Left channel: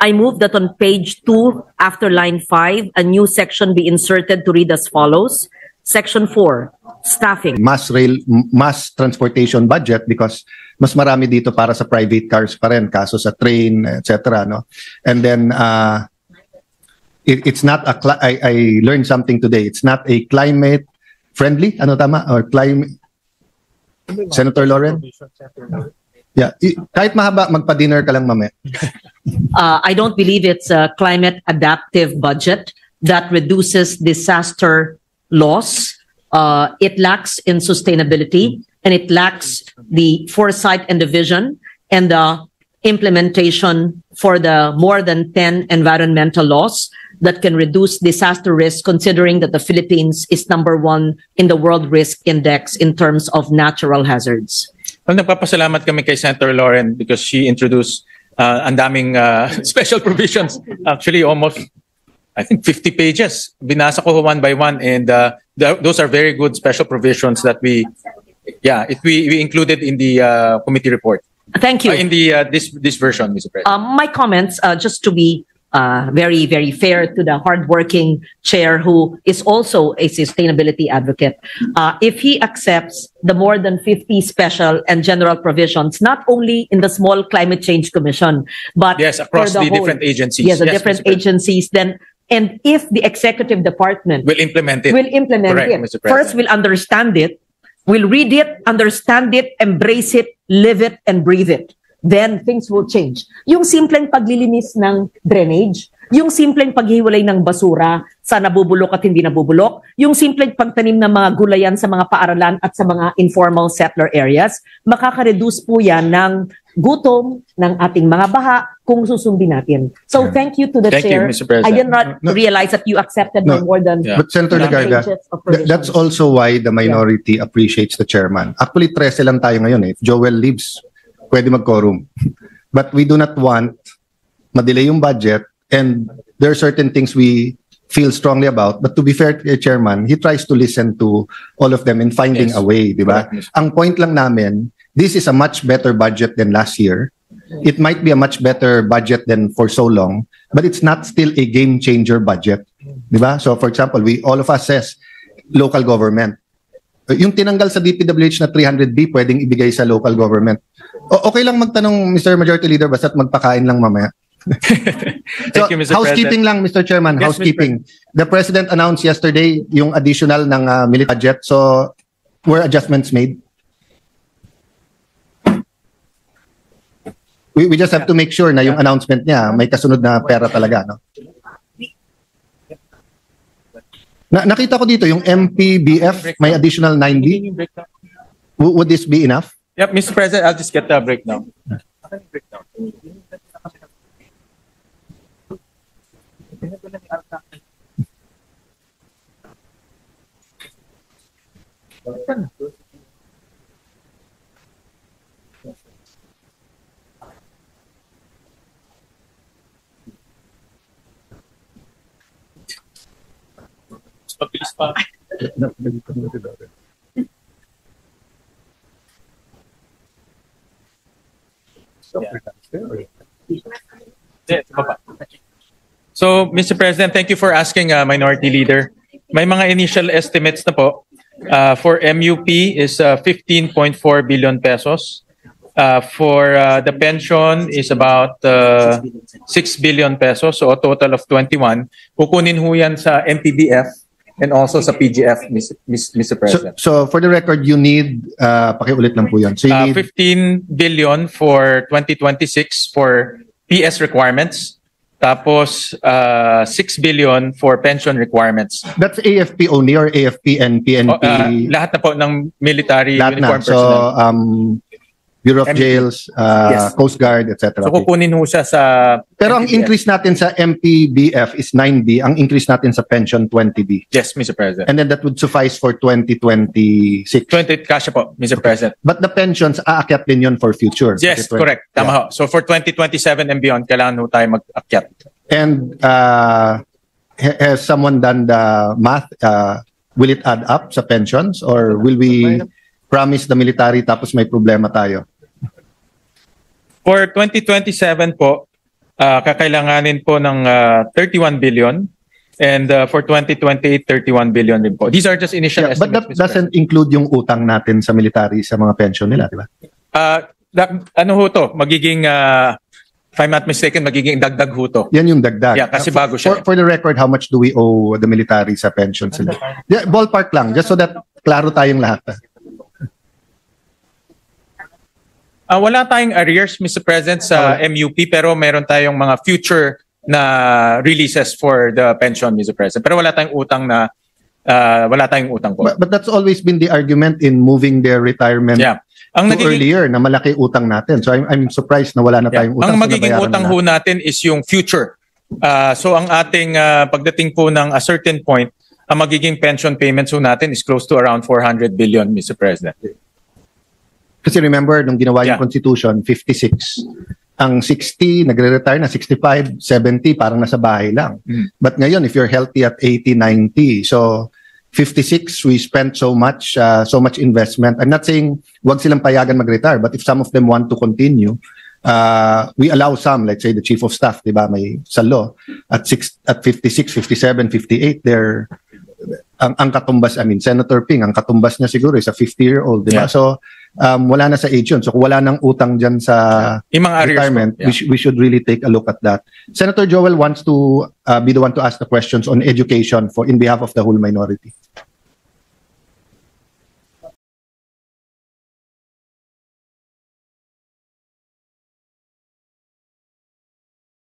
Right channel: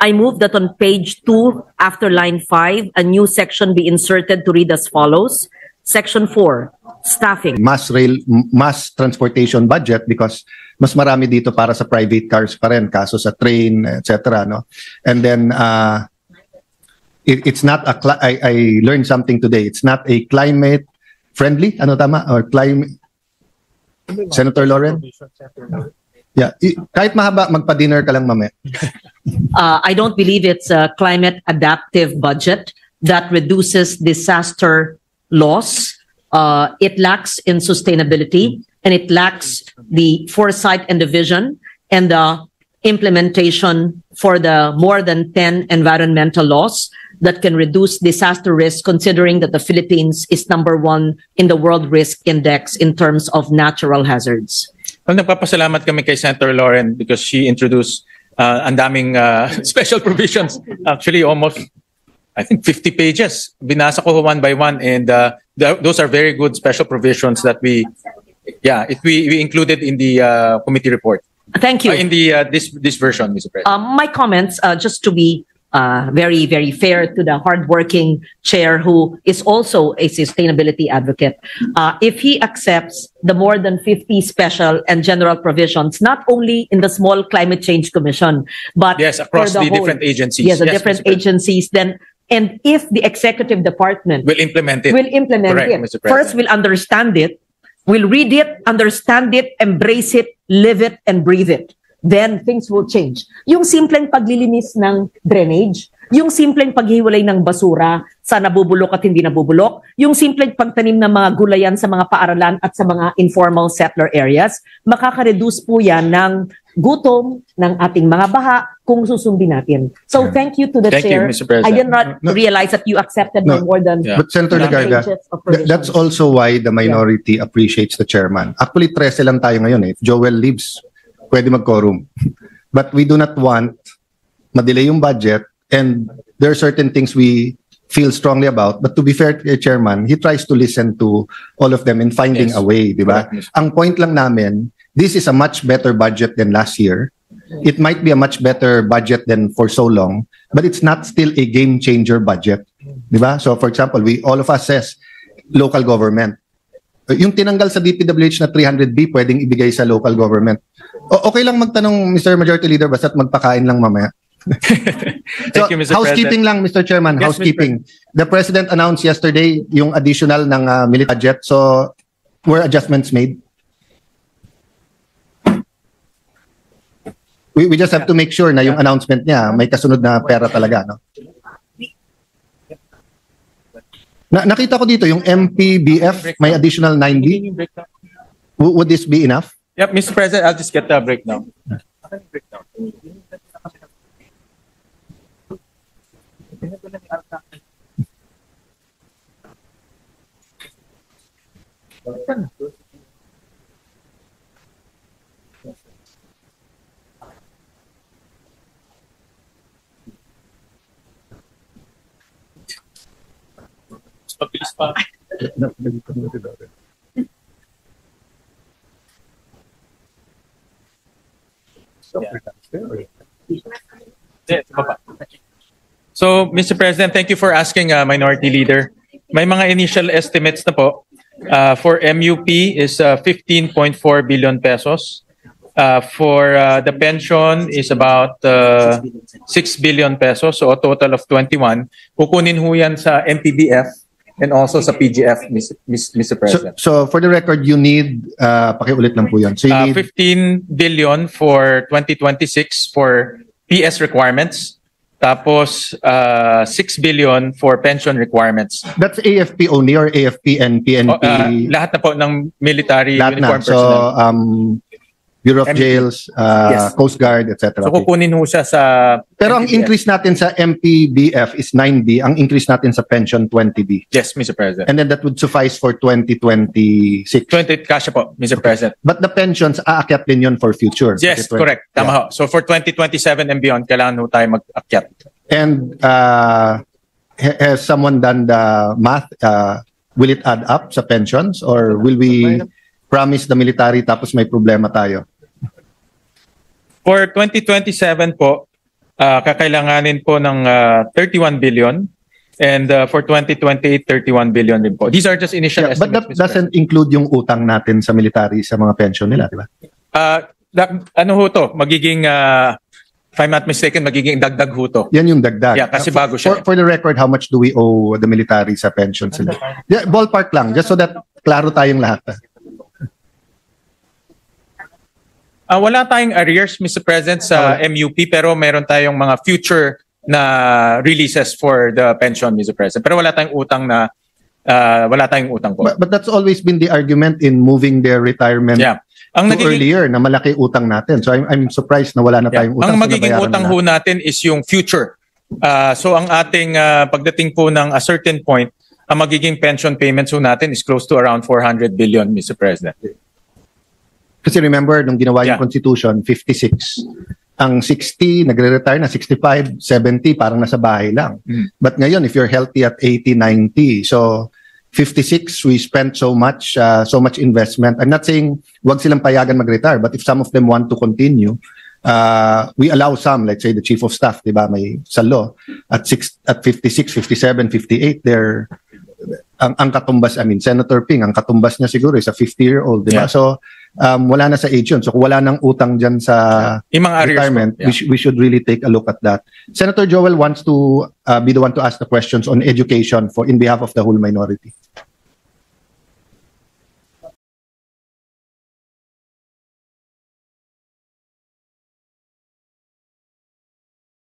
I move that on page 2, after line 5, a new section be inserted to read as follows. Section 4, staffing. Mass transportation budget because mas marami dito para sa private cars pa rin, kaso sa train, etc. No? And then, it's not I learned something today. It's not a climate friendly, ano tama? Or climate, Senator Lauren? Yeah, kahit mahaba, magpa-dinner ka lang mamaya. I don't believe it's a climate adaptive budget that reduces disaster loss. It lacks in sustainability, and it lacks the foresight and the vision and the implementation for the more than 10 environmental laws that can reduce disaster risk, considering that the Philippines is #1 in the World Risk Index in terms of natural hazards. Well, nagpapasalamat kami kay Senator Lauren because she introduced ang daming special provisions. Actually, almost, I think, 50 pages. Binasa ko one by one, and those are very good special provisions that we included in the committee report. Thank you. In the this version, Mr. President. My comments, just to be very, very fair to the hardworking chair who is also a sustainability advocate. If he accepts the more than 50 special and general provisions, not only in the small climate change commission, but yes, across the different agencies. Yes, the different agencies, then, and if the executive department will implement it. Correct, Mr. President. First, we'll understand it, we'll read it, understand it, embrace it, live it, and breathe it. Then things will change. Yung simpleng paglilinis ng drainage, yung simpleng paghiwalay ng basura sa nabubulok at hindi nabubulok, yung simpleng pagtanim ng mga gulayan sa mga paaralan at sa mga informal settler areas, makaka-reduce po yan ng gutom ng ating mga baha kung susundin natin. So thank you to the chair. I did not realize that you accepted more than... But Senator Legarda, that's also why the minority appreciates the chairman. Actually, 13 lang tayo ngayon eh. If Joel leaves, pwede mag-quorum. But we do not want ma-delay yung budget, and there are certain things we feel strongly about. But to be fair to the chairman, he tries to listen to all of them and finding a way, di ba? Ang point lang namin, this is a much better budget than last year. It might be a much better budget than for so long, but it's not still a game changer budget. Di ba? So for example, all of us says local government. Yung tinanggal sa DPWH na 300B, pwedeng ibigay sa local government. Okay lang magtanong, Mr. Majority Leader, basta't magpakain lang mamaya. Thank you, Mr. Housekeeping President. lang, Mr. Chairman, yes, housekeeping. The President announced yesterday yung additional ng military budget. So, were adjustments made? We just have to make sure na yung announcement niya may kasunod na pera talaga. No? Nakita ko dito yung MPBF may additional 90. Would this be enough? Yep, Mr. President, I'll just get the breakdown. Mabilis pa. So, Mr. President, thank you for asking, Minority Leader. May mga initial estimates na po. For MUP is 15.4 billion pesos. For the pension is about 6 billion pesos, so a total of 21. Kukunin ho yan sa MPBF and also sa PGF, Mr. President. So for the record, you need, pakiulit lang po yan. So you need 15 billion for 2026 for PS requirements. Tapos 6 billion for pension requirements. That's AFP only or AFP and PNP? Lahat na po ng military uniform. So, Bureau of Jails, Coast Guard, etc. So kukunin ho sa Pero ang increase natin sa MPBF is 9B. Ang increase natin sa pension, 20B. Yes, Mr. President. And then that would suffice for 2026. 20 kasya po, Mr. President. But the pensions, aakyat din yun for future. Yes, correct. Tama ho. So for 2027 and beyond, kailangan ho tayo mag-akyat. And has someone done the math? Will it add up sa pensions? Or will we promise the military tapos may problema tayo? For 2027 po, kakailanganin po ng 31 billion. And for 2020, 31 billion din po. These are just initial But estimates. that doesn't include yung utang natin sa military, sa mga pension nila, di ba? Ano ho to? Magiging, if I'm not mistaken, magiging dagdag ho to. Yan yung dagdag. Yeah, kasi bago siya. For the record, how much do we owe the military sa pension sila? Yeah, ballpark lang, just so that klaro tayong lahat. Wala tayong arrears, Mr. President, sa MUP, pero meron tayong mga future na releases for the pension, Mr. President. Pero wala tayong utang na, wala tayong utang po. But that's always been the argument in moving their retirement Ang to earlier, na malaki utang natin. So I'm surprised na wala na tayong utang. Ang magiging utang ho natin is yung future. So ang ating pagdating po ng a certain point, ang magiging pension payments ho natin is close to around 400 billion, Mr. President. Kasi remember, nung ginawa yung Constitution, 56. Ang 60, nagre-retire na 65, 70, parang nasa bahay lang. But ngayon, if you're healthy at 80, 90, so 56, we spent so much investment. I'm not saying wag silang payagan mag-retire, but if some of them want to continue, we allow some, let's say the chief of staff, di ba, may sa law, at 56, 57, 58, they're, ang katumbas, I mean, Senator Ping, ang katumbas niya siguro is a 50-year-old, di ba? So, wala na sa age yun. So kung wala nang utang dyan sa retirement, we should really take a look at that. Senator Joel wants to be the one to ask the questions on education in behalf of the whole minority.